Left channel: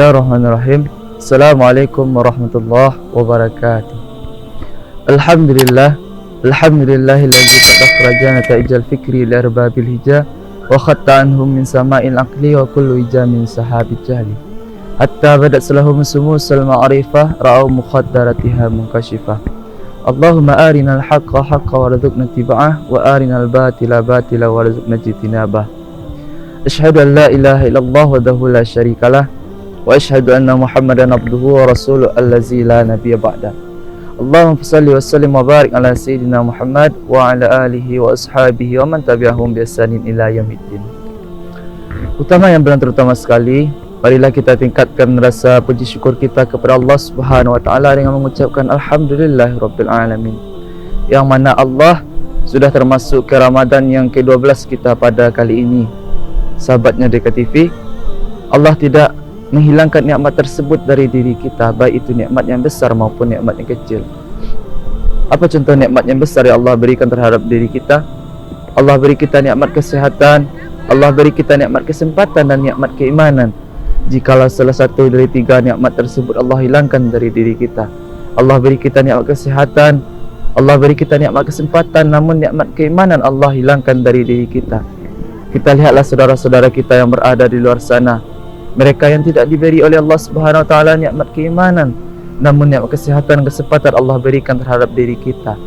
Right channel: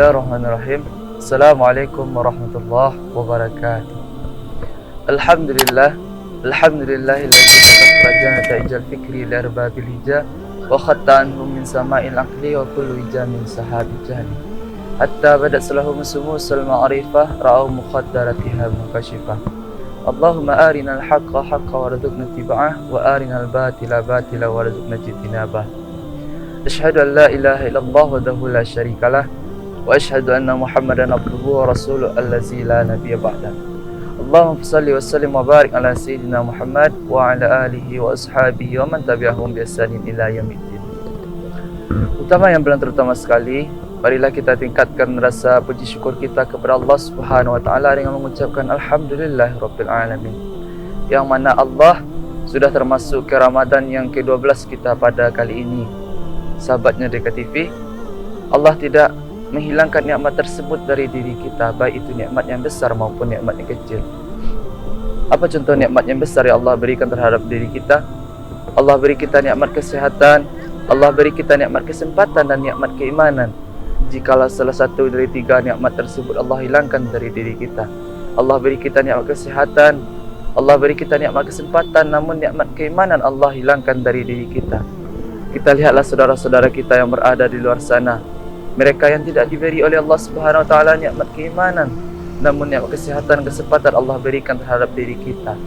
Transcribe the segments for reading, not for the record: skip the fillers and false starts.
Bismillahirrahmanirrahim. Assalamualaikum warahmatullahi wabarakatuh. Alhamdulillah. Alhamdulillahilladzi akhraja nata'ijal fikri li arbabil hija wa khatta anhum min sama'il aqli wa kullu hijamin sahabit jahli. Hatta badat salahum sumusal ma'rifah ra'au mukhaddaratiha munkashifah. Allahumma arinal haqqa haqqa warzuqna ittiba'ah wa arinal batila batila warzuqna ijtinabah. Asyhadu an la ilaha illallah wahdahu la syarikalah wa asyhadu anna Muhammadan abduhu wa rasuluhu allazi la nabiyya ba'da. Allahumma shalli wa sallim wa barik ala sayyidina Muhammad wa ala alihi wa ashabihi wa man tabi'ahum bi ihsanin ila yaumiddin. Utama yang terutama sekali, marilah kita tingkatkan rasa puji syukur kita kepada Allah Subhanahu wa taala dengan mengucapkan alhamdulillahirabbil alamin. Yang mana Allah sudah termasuk ke Ramadan yang ke-12 kita pada kali ini. Sahabatnya Dekat TV, Allah tidak menghilangkan nikmat tersebut dari diri kita, baik itu nikmat yang besar maupun nikmat yang kecil. Apa contoh nikmat yang besar yang Allah berikan terhadap diri kita? Allah beri kita nikmat kesehatan, Allah beri kita nikmat kesempatan dan nikmat keimanan. Jikalau salah satu dari tiga nikmat tersebut Allah hilangkan dari diri kita, Allah beri kita nikmat kesehatan, Allah beri kita nikmat kesempatan, namun nikmat keimanan Allah hilangkan dari diri kita. Kita lihatlah saudara-saudara kita yang berada di luar sana, mereka yang tidak diberi oleh Allah Subhanahu wa taala nikmat keimanan, namun nikmat kesehatan, kesempatan Allah berikan terhadap diri kita.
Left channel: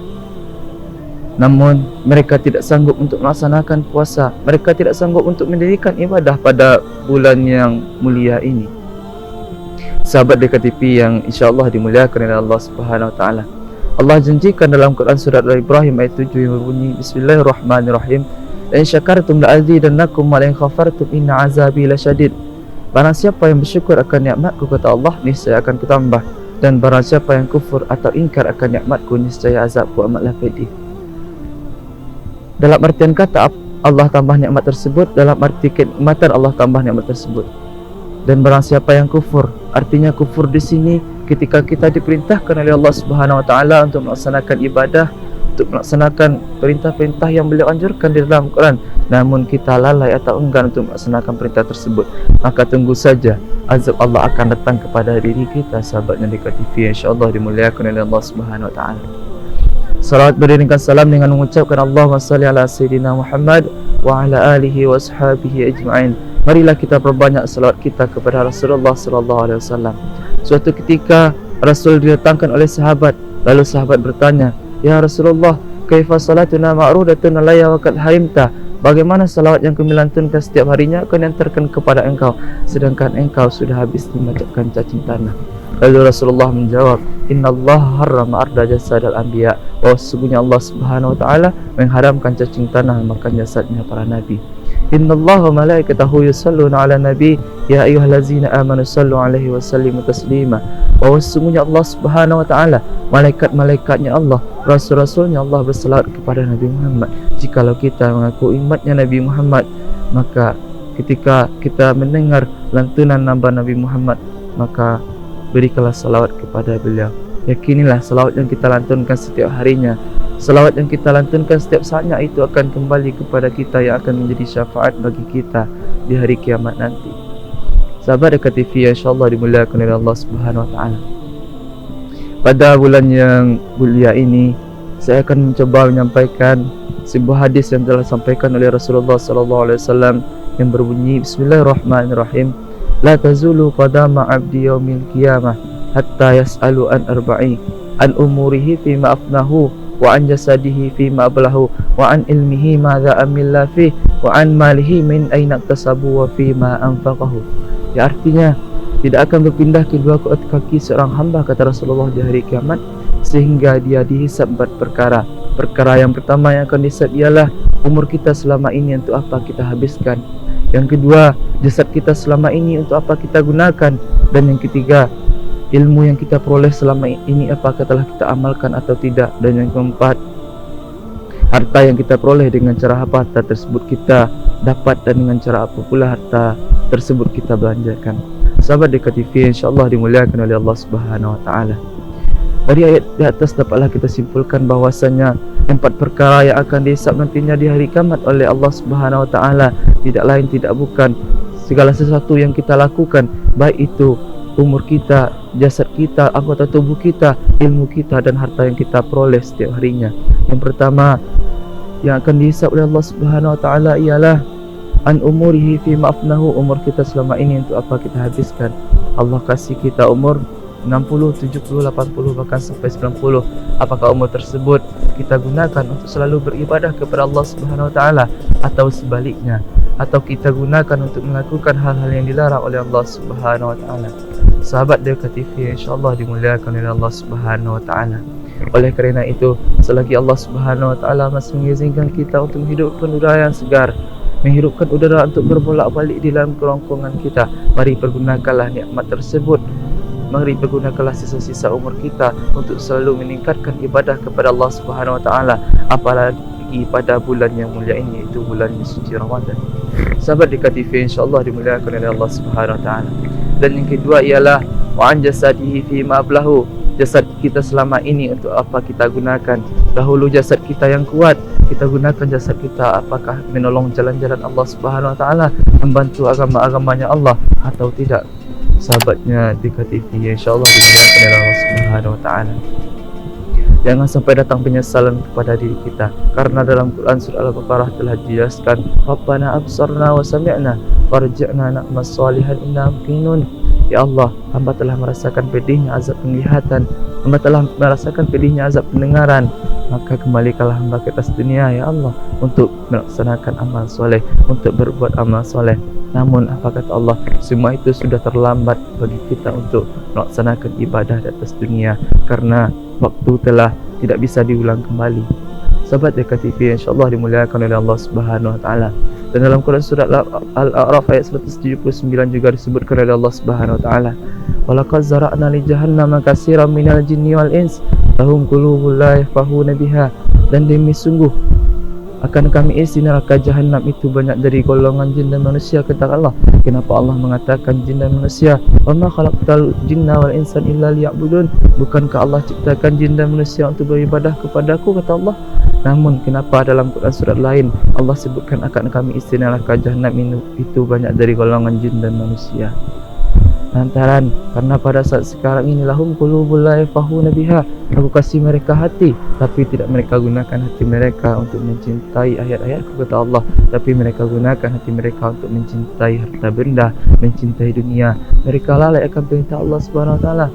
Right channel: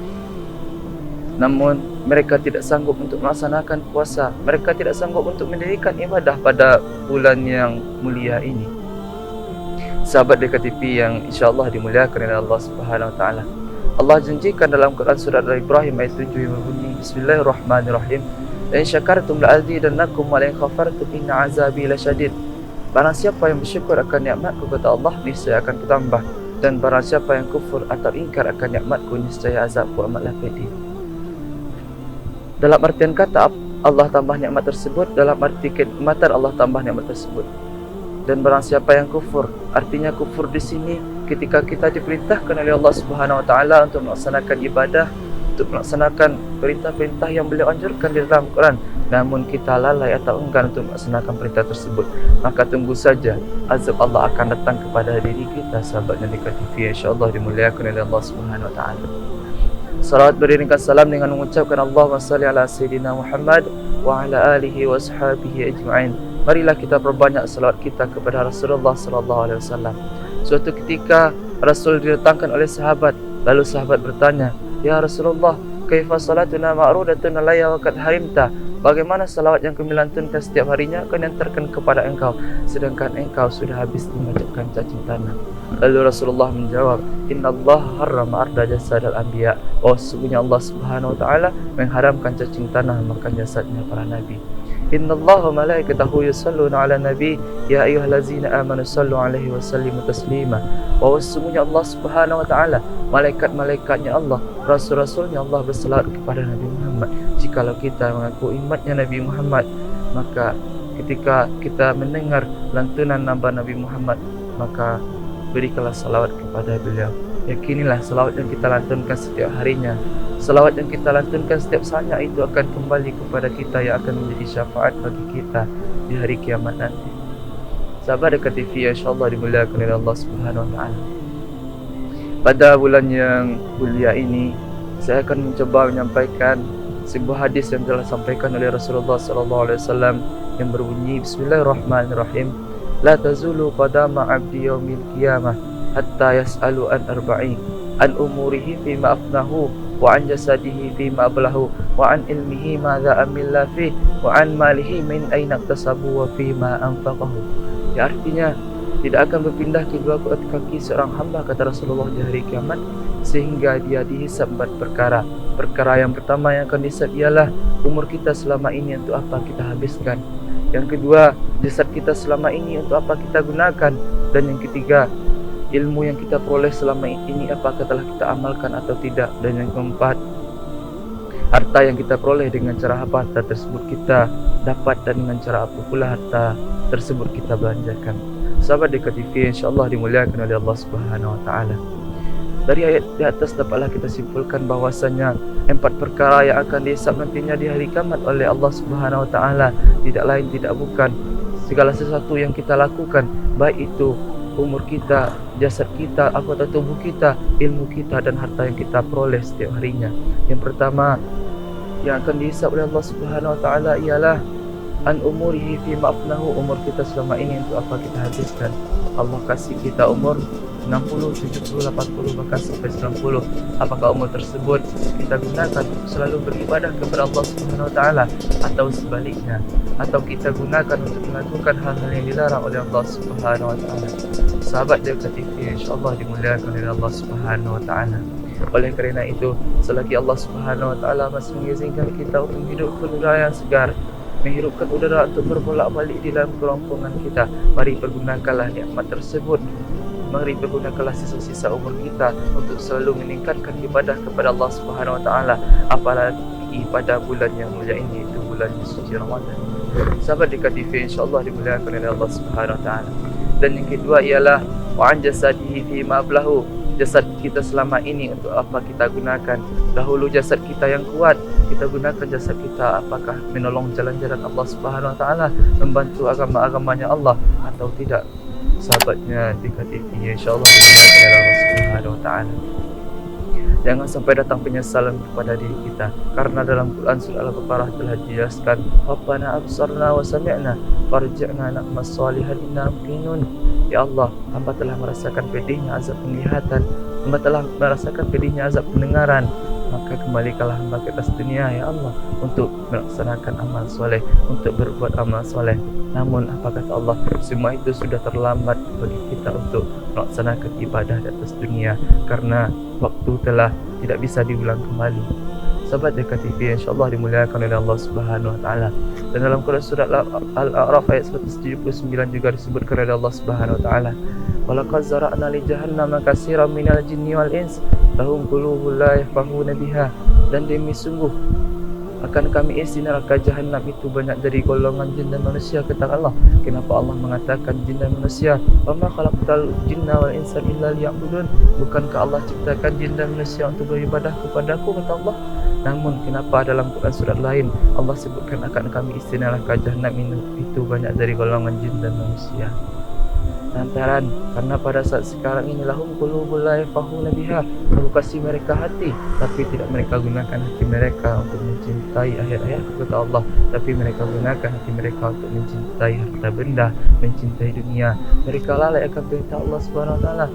Namun mereka tidak sanggup untuk melaksanakan puasa, mereka tidak sanggup untuk mendirikan ibadah pada bulan yang mulia ini. Sahabat Dekat TV yang insya-Allah dimuliakan oleh Allah Subhanahu wa taala, Allah janjikan dalam Quran surat Al-Ibrahim ayat 7 yang berbunyi Bismillahirrahmanirrahim. In syakartum la'azidannakum wa in khafartum inna azabi lasyadid. Barang siapa yang bersyukur akan nikmatku, kata Allah, niscaya akan kutambah, dan barang siapa yang kufur atau ingkar akan nikmatku, niscaya azabku amatlah pedih. Dalam artian kata Allah tambah nikmat tersebut, dalam arti kenikmatan Allah tambah nikmat tersebut. Dan barang siapa yang kufur, artinya kufur di sini ketika kita diperintahkan oleh Allah Subhanahu wa taala untuk melaksanakan ibadah, untuk melaksanakan perintah-perintah yang beliau anjurkan di dalam Quran, namun kita lalai atau enggan untuk melaksanakan perintah tersebut, maka tunggu saja azab Allah akan datang kepada diri kita. Sahabatnya Dekat TV insya-Allah dimuliakan oleh Allah Subhanahu wa taala. Salawat beriringkan salam dengan mengucapkan Allahumma shalli ala sayyidina Muhammad wa ala alihi wa ashabihi ajma'in. Marilah kita perbanyak salawat kita kepada Rasulullah sallallahu alaihi wasallam. Suatu ketika Rasul didatangkan oleh sahabat, lalu sahabat bertanya, "Ya Rasulullah, kaifa salatuna ma'rudatun alayya wa qad harimta?" Bagaimana salawat yang kami lantunkan setiap harinya kau hantarkan kepada engkau, sedangkan engkau sudah habis memecahkan cacing tanah. Lalu Rasulullah menjawab, Innallaha harrama arda jasadal anbiya. Oh, sesungguhnya Allah Subhanahu wa taala mengharamkan cacing tanah makan jasadnya para nabi. Innallaha wa malaikatahu yusalluna ala nabi ya ayyuhallazina amanu sallu alaihi wa sallimu taslima. Oh, sesungguhnya Allah Subhanahu wa taala, malaikat-malaikatnya Allah, rasul-rasulnya Allah berselawat kepada Nabi Muhammad. Jikalau kita mengaku umatnya Nabi Muhammad, maka ketika kita mendengar lantunan nama Nabi Muhammad, maka berikanlah salawat kepada beliau. Yakinilah salawat yang kita lantunkan setiap harinya, salawat yang kita lantunkan setiap saatnya itu akan kembali kepada kita, yang akan menjadi syafaat bagi kita di hari kiamat nanti. Sahabat Dekat TV insya-Allah dimuliakan oleh Allah Subhanahu wa taala. Pada bulan yang mulia ini, saya akan mencoba menyampaikan sebuah hadis yang telah disampaikan oleh Rasulullah sallallahu alaihi wasallam yang berbunyi Bismillahirrahmanirrahim. La tazulu qadama 'abdi yaumil qiyamah hatta yas'alu an arba'i, an umurihi fima afnahu, wa an jasadihi fima ablahu, wa an ilmihi madza amilla fihi, wa an malihi min aina iktasabu wa fima anfaqahu. Ya, artinya tidak akan berpindah kedua kaki seorang hamba, kata Rasulullah, di hari kiamat sehingga dia dihisab 4 perkara. Perkara yang pertama yang akan dihisab ialah umur kita selama ini untuk apa kita habiskan. Yang kedua, jasad kita selama ini untuk apa kita gunakan. Dan yang ketiga, ilmu yang kita peroleh selama ini apakah telah kita amalkan atau tidak. Dan yang keempat, harta yang kita peroleh dengan cara apa harta tersebut kita dapat, dan dengan cara apa pula harta tersebut kita belanjakan. Sahabat Dekat TV insya-Allah dimuliakan oleh Allah Subhanahu wa taala. Dari ayat di atas dapatlah kita simpulkan bahwasanya 4 perkara yang akan dihisab nantinya di hari kiamat oleh Allah Subhanahu wa taala tidak lain tidak bukan segala sesuatu yang kita lakukan, baik itu umur kita, jasad kita, anggota tubuh kita, ilmu kita dan harta yang kita peroleh setiap harinya. Yang pertama yang akan dihisab oleh Allah Subhanahu wa taala ialah an umurihi fi ma'afnahu, umur kita selama ini untuk apa kita habiskan. Allah kasih kita umur 60, 70, 80 bahkan sampai 90. Apakah umur tersebut kita gunakan untuk selalu beribadah kepada Allah Subhanahu wa taala atau sebaliknya, atau kita gunakan untuk melakukan hal-hal yang dilarang oleh Allah Subhanahu wa taala. Sahabat Delta TV insyaallah dimuliakan oleh Allah Subhanahu wa taala. Oleh kerana itu, selagi Allah Subhanahu wa taala masih mengizinkan kita untuk menghidupkan udara yang segar, menghirupkan udara untuk berbolak-balik di dalam kerongkongan kita, mari pergunakanlah nikmat tersebut. Mari pergunakanlah sisa-sisa umur kita untuk selalu meningkatkan ibadah kepada Allah Subhanahu wa taala, apalagi pada bulan yang mulia ini, iaitu bulan suci Ramadan. Sahabat Dika TV insyaallah dimuliakan oleh Allah Subhanahu wa taala. Dan yang kedua ialah wa an jasadihi fi ma ablahu, jasad kita selama ini untuk apa kita gunakan. Dahulu jasad kita yang kuat, kita gunakan jasad kita apakah menolong jalan-jalan Allah Subhanahu wa taala, membantu agama-agamanya Allah atau tidak. Sahabatnya di KTV insyaallah dimuliakan oleh Allah Subhanahu wa taala. Jangan sampai datang penyesalan kepada diri kita, karena dalam Quran surah Al-Baqarah telah dijelaskan, Rabbana absarna wa sami'na farji'na na'mal salihan inna muqinun. Ya Allah, hamba telah merasakan pedihnya azab penglihatan, hamba telah merasakan pedihnya azab pendengaran, maka kembalikanlah hamba ke atas dunia ya Allah untuk melaksanakan amal soleh, untuk berbuat amal soleh. Namun apa kata Allah, semua itu sudah terlambat bagi kita untuk melaksanakan ibadah di atas dunia, karena waktu telah tidak bisa diulang kembali. Sahabat DKTV insyaallah dimuliakan oleh Allah Subhanahu wa taala. Dan dalam Quran surah Al-A'raf ayat 179 juga disebutkan oleh Allah Subhanahu wa taala, walaqad zara'na li jahannama katsiran minal jinni wal ins lahum qulubun la yafqahuna biha, dan demi sungguh akan kami isi neraka jahanam itu banyak dari golongan jin dan manusia. Kata Allah, kenapa Allah mengatakan jin dan manusia? Wa ma khalaqtal jinna wal insa illa liya'budun, bukankah Allah ciptakan jin dan manusia untuk beribadah kepadaku, kata Allah. Namun kenapa dalam Quran surat lain Allah sebutkan akan kami isi neraka jahanam itu banyak dari golongan jin dan manusia? Lantaran karena pada saat sekarang ini lahum qulubul la yafqahuna biha, aku kasih mereka hati tapi tidak mereka gunakan hati mereka untuk mencintai ayat-ayatku, kata Allah, tapi mereka gunakan hati mereka untuk mencintai harta benda, mencintai dunia. Mereka lalai akan perintah Allah Subhanahu wa taala,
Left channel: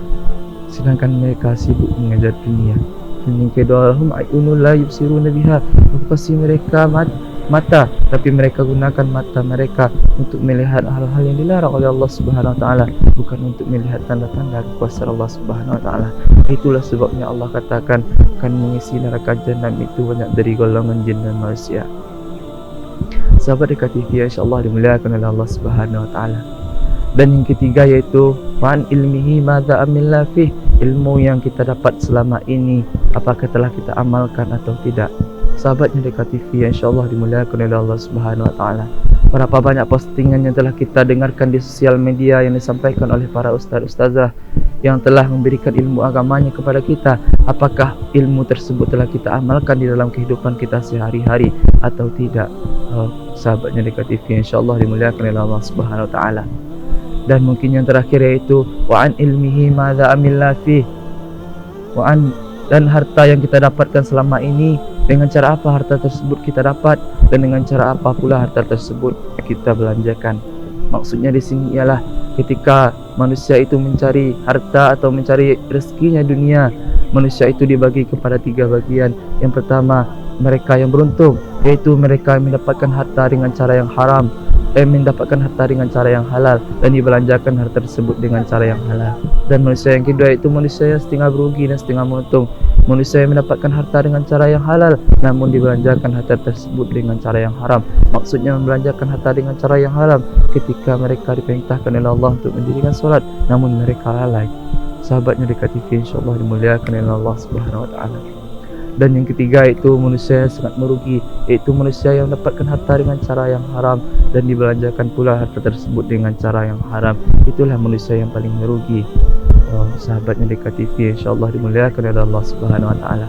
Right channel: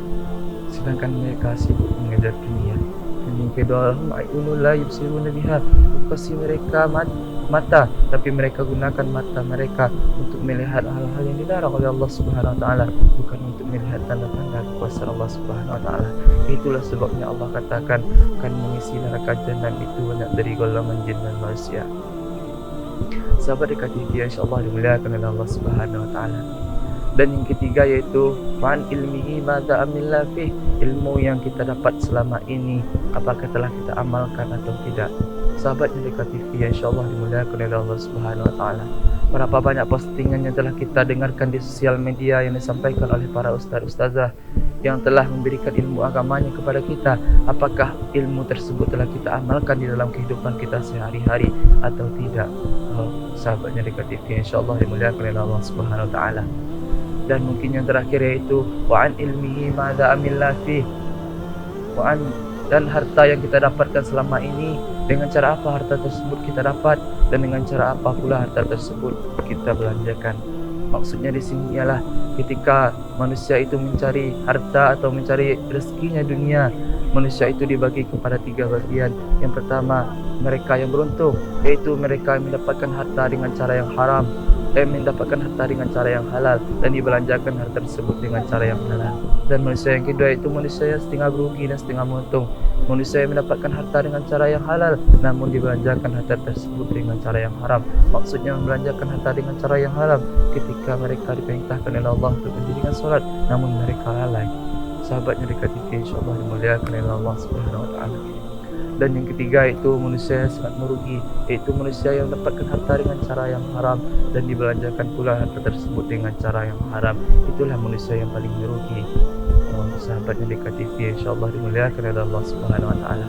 sedangkan mereka sibuk mengejar dunia. Dan yang kedua, lahum ayunul la yubsiruna biha, aku kasih mereka mata, tapi mereka gunakan mata mereka untuk melihat hal-hal yang dilarang oleh Allah Subhanahu wa taala, bukan untuk melihat tanda-tanda kuasa Allah Subhanahu wa taala. Itulah sebabnya Allah katakan akan mengisi neraka jahanam itu banyak dari golongan jin dan manusia. Sahabat dekat TV insyaallah dimuliakan oleh Allah Subhanahu wa taala. Dan yang ketiga yaitu wan ilmihi madza amilla fih, ilmu yang kita dapat selama ini apakah telah kita amalkan atau tidak. Sahabatnya dekat TV insyaallah dimuliakan oleh Allah Subhanahu wa taala. Berapa banyak postingan yang telah kita dengarkan di sosial media yang disampaikan oleh para ustaz-ustazah yang telah memberikan ilmu agamanya kepada kita. Apakah ilmu tersebut telah kita amalkan di dalam kehidupan kita sehari-hari atau tidak? Sahabatnya dekat TV insyaallah dimuliakan oleh Allah Subhanahu wa taala. Dan mungkin yang terakhir yaitu wa an ilmihi madza amilla fi, wa an, dan harta yang kita dapatkan selama ini, dengan cara apa harta tersebut kita dapat dan dengan cara apa pula harta tersebut kita belanjakan. Maksudnya di sini ialah ketika manusia itu mencari harta atau mencari rezekinya dunia, manusia itu dibagi kepada 3 bagian. Yang pertama, mereka yang beruntung, yaitu mereka yang mendapatkan harta dengan cara yang haram, mendapatkan harta dengan cara yang halal dan dibelanjakan harta tersebut dengan cara yang halal. Dan manusia yang kedua itu manusia yang setengah berugi dan setengah menguntung, manusia yang mendapatkan harta dengan cara yang halal namun dibelanjakan harta tersebut dengan cara yang haram. Maksudnya membelanjakan harta dengan cara yang haram ketika mereka diperintahkan oleh Allah untuk mendirikan solat namun mereka lalai. Sahabatnya dekat TV insyaallah dimuliakan oleh Allah Subhanahu wa taala. Dan yang ketiga itu manusia yang sangat merugi, yaitu manusia yang mendapatkan harta dengan cara yang haram dan dibelanjakan pula harta tersebut dengan cara yang haram. Itulah manusia yang paling merugi. Sahabatnya dekat TV insyaallah dimuliakan oleh Allah Subhanahu wa taala.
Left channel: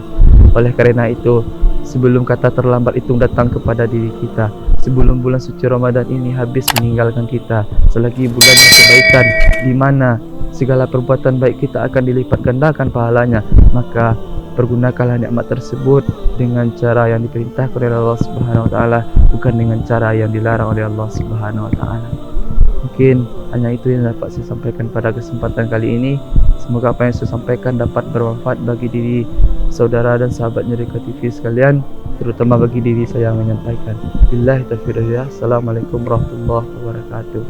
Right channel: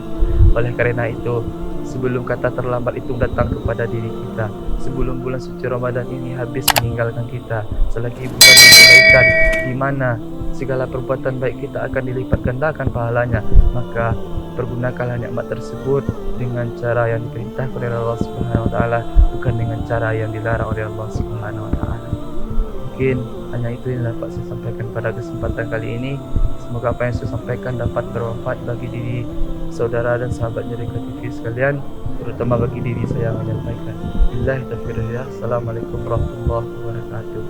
Oleh karena itu, sebelum kata terlambat itu datang kepada diri kita, sebelum bulan suci Ramadan ini habis meninggalkan kita, selagi bulan kebaikan di mana segala perbuatan baik kita akan dilipat gandakan pahalanya, maka pergunakanlah nikmat tersebut dengan cara yang diperintahkan oleh Allah Subhanahu wa taala, bukan dengan cara yang dilarang oleh Allah Subhanahu wa taala. Mungkin hanya itu yang dapat saya sampaikan pada kesempatan kali ini. Semoga apa yang saya sampaikan dapat bermanfaat bagi diri saudara dan sahabat Nyerika TV sekalian, terutama bagi diri saya yang menyampaikan. Billahi taufiq wal hidayah. Assalamualaikum warahmatullahi wabarakatuh.